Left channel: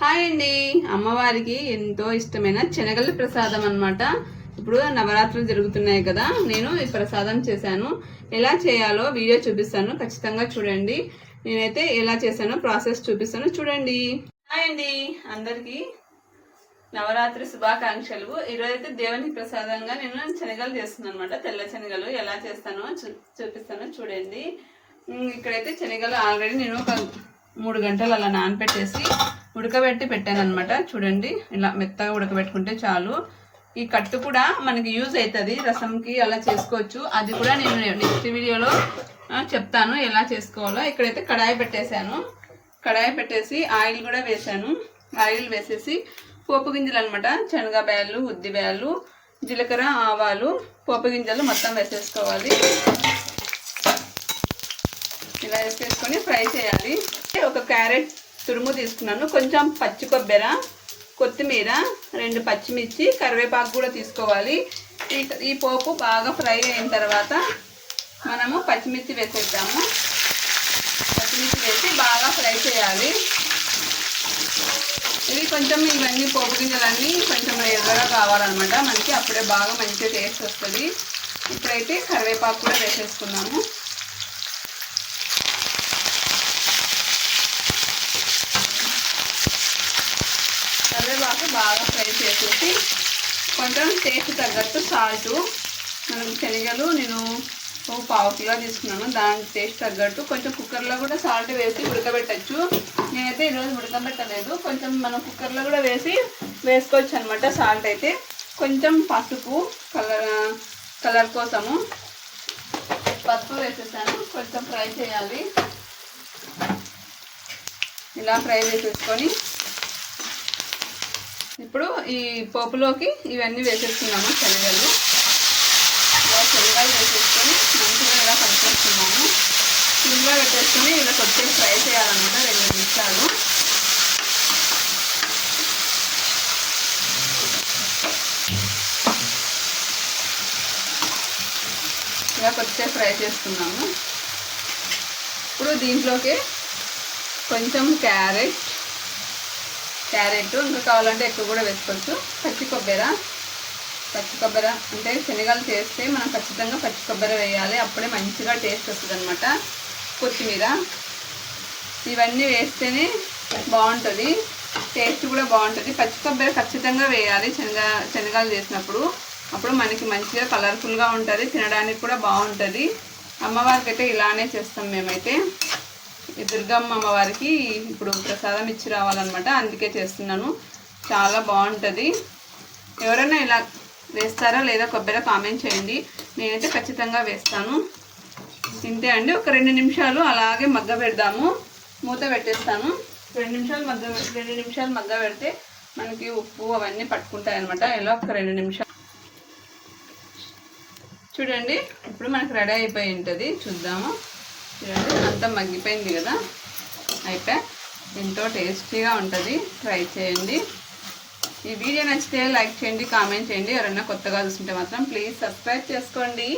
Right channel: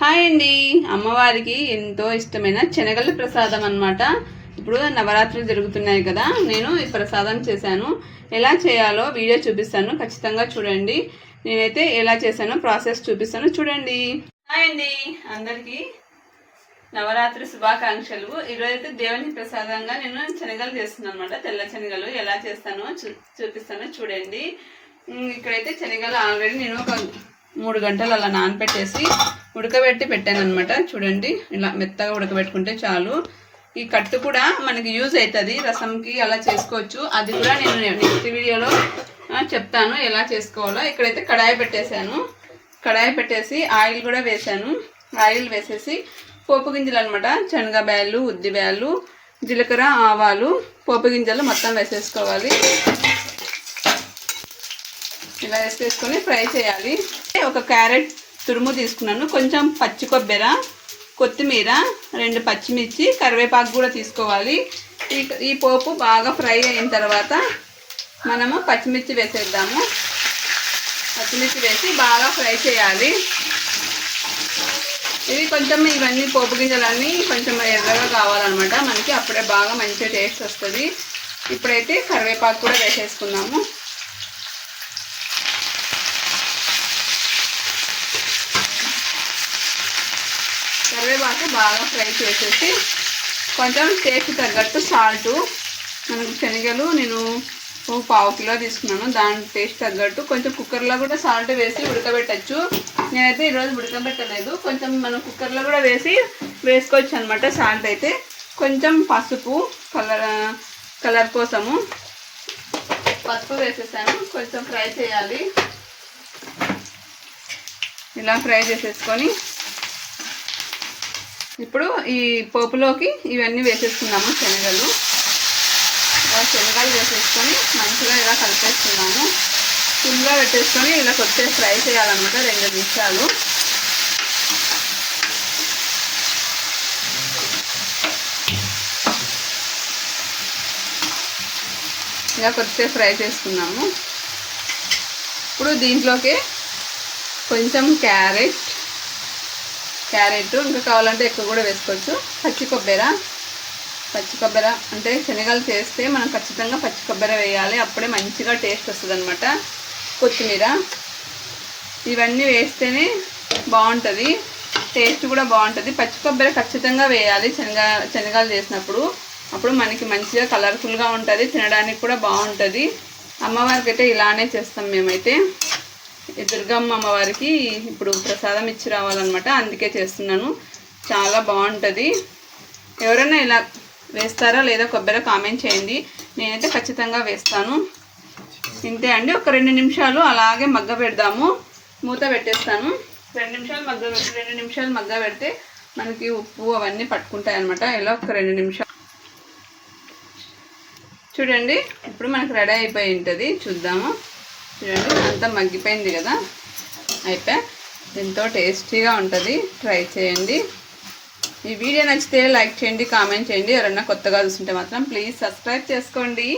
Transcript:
Hi అండి. అమ్మవారికి ఎంతో ఇష్టమైన శనగల ప్రసాదం అనమాట ఇప్పుడు నవరాత్రులు జరుగుతున్నాయి కదా నేను ఈ ప్రసాదం చేశాను. ఎలా చేయాలో వీడియో చూపిస్తాను. ఖచ్చితంగా చూడండి. నేనైతే ఎలా చేశానో ప్రాసెస్ చూపిస్తాను. చూడండి. హాయ్ అండి. అందరికీ నవరాత్రి శుభాకాంక్షలు. ఈరోజు అయితే దేవుని ప్రసాదంగా నేను శనగలు చేస్తున్నాను అనమాట తెల్ల శనగలు ఎలా చేస్తానో చూ చూపిస్తానో. చూడండి. ఇక్కడైతే శనగలు ఆల్రెడీ నేను ఒక మూడు గంటలు అలా నానపెట్టేసి ఉడకబెట్టి పెట్టాను అనమాట చూడండి ఇలా మెత్తగా ఉడకబెట్టుకుంటే చాలు. ఈ కట్టు కూడా మనకి యూజ్ అవుతుంది రసంకి అలా చేసుకోవచ్చు. అది కూడా నేను నెక్స్ట్ వీడియోలో చెప్తాను ఎలా చేసుకోవాలో. ఇక్కడైతే కడాయి పెట్టేశాను. కడాయి పెట్టేసి ఆయిల్ కూడా వేసాను ఆయిల్ వేసేసి పోపు గింజలు అనమాట శనగ బ్యాళ్ళు ఉద్ది జీలకర్ర ఆవాలు పోపు గింజలు మొత్తం వేసేసుకోవాలి. ఇలా వేసేసుకొని ఫ్రై చేయాలి. ఒక క్యారెట్ తురుము తీసుకున్నాను. కొంచెం పచ్చి కొబ్బెర కొత్తిమీర రెండు పచ్చిమిర్చి కరివేపాకు కూడా తీసుకోవాలి. ఈ ఈ పోపు బాగా ఫ్రై అయిన తర్వాత మనము పచ్చిమిర్చి వేసేద్దాము. పచ్చిమిర్చి వేసి బాగా ఫ్రై చేయాలి. ఇది కొంచెం ఇవన్నీ పోపు గింజలన్నీ కొంచెం ఎర్రగా కావాలన్నమాట. మనకి అప్పుడే బాగా మంచిగా టేస్ట్ వస్తుంది. ఇప్పుడైతే కరివేపాకు కూడా వేసేసుకున్నాము కరివేపాకు బాగా ఫ్రై చేసేసి కొంచెం టేస్ట్ తగ్గట్టు సాల్ట్ శనగలు నేను పావు కిలో తీసుకున్నాను. దాని టేస్ట్ తగ్గట్టు కొంచెం కుక్కర్లో కూడా సాల్ట్ వేసి ఉడకబెట్టచ్చు. నేనైతే ఈరోజు ఉడకబెట్టలేదు. కొంచెం మనం కుక్కర్లో కూడా వేసి వేసుకోవచ్చు అనమాట సాల్ట్ అయితే. కొంచెం పసుపు కలర్ కలర్ కోసము పసుపు వేసేసాను. కొంచెం ఫ్రై చేయాలి. ఇలా ఫ్రై చేసేసుకొని ఇప్పుడు ఈ పోపులోకి ఇవన్నీ వేసేసుకున్నాము శనగలు. శనగలు వేసేసుకొని మంచిగా ఇలా కలిపేస్తున్నాము. ఫుల్గా పెట్టేసుకొని ఇలా కొద్దిగా ఫ్రై చేయాలన్నమాట రెండు నిమిషాలు. ఇలా కొద్దిగా ఫ్రై చేసుకున్నాము ఇప్పుడు దీంట్లోకి కొంచెం క్యారెట్ క్యారెట్ ఇంకా కావాలంటే ఎక్కువ కూడా వేసుకోవచ్చు. పచ్చి కొబ్బరి. పచ్చి కొబ్బరి అంటే శనగలు చేస్తే మనం ఖచ్చితంగా పచ్చి కొబ్బరి వేయాలి. అప్పుడే మంచిగా టేస్ట్ వస్తుంది అనమాట కొత్తిమీర. ఇవన్నీ వేస్తేనే బాగుంటుంది. టేస్ట్ కూడా బాగుంటుంది. పచ్చి కొబ్బరి ఖచ్చితంగా వేయాలి శనగ శనగలు చేసినప్పుడు. అప్పుడు మనకి మంచిగా కలర్ఫుల్గా ఉంటుంది. తినడానికి కూడా బాగుంటుంది. అమ్మవారికి అయితే ఇలానే చేస్తాం మేమైతే. ఈ దుర్గమ్మ అమ్మవారికి ఇప్పుడు ప్రసాదం ఇచ్చి రావాలన్నమాట. అందుకే చేస్తున్నాను. చాలా బాగుంటుంది. ఎవరైనా ఇలా వేస్తారా లేదా కొబ్బరి కామెంట్ చేయండి. నేనైతే ఖచ్చితంగా వేస్తాను. ఇంతే అండి. ఒక రెండు నిమిషాలు అలాగే మగ్గ పెడదాము. మూత పెట్టేస్తాను. రెండు నిమిషాలు మగ్గ రెండు నిమిషాలు మగ్గ పెడితే మనకి ఉప్పు అవన్నీ పట్టుకుంటాయి అనమాట ఇలా ఒక రెండు నిమిషాలు. చూడండి. ఇప్పుడు మనకు రెడీ అయిపోయి ఉంటుంది. చూద్దాము. చూడండి అంతా మగ్గిపోయింది కదా? అయితే ఎంతో టేస్టీగా ఉంటుంది. ట్రై చేయండి. ఈ వీడియో నచ్చితే లైక్ చేయండి కామెంట్ చేయండి. ఎవరైనా కొత్తగా చూస్తుంటే మాత్రం ప్లీజ్ సబ్స్క్రైబ్ చేసుకోండి.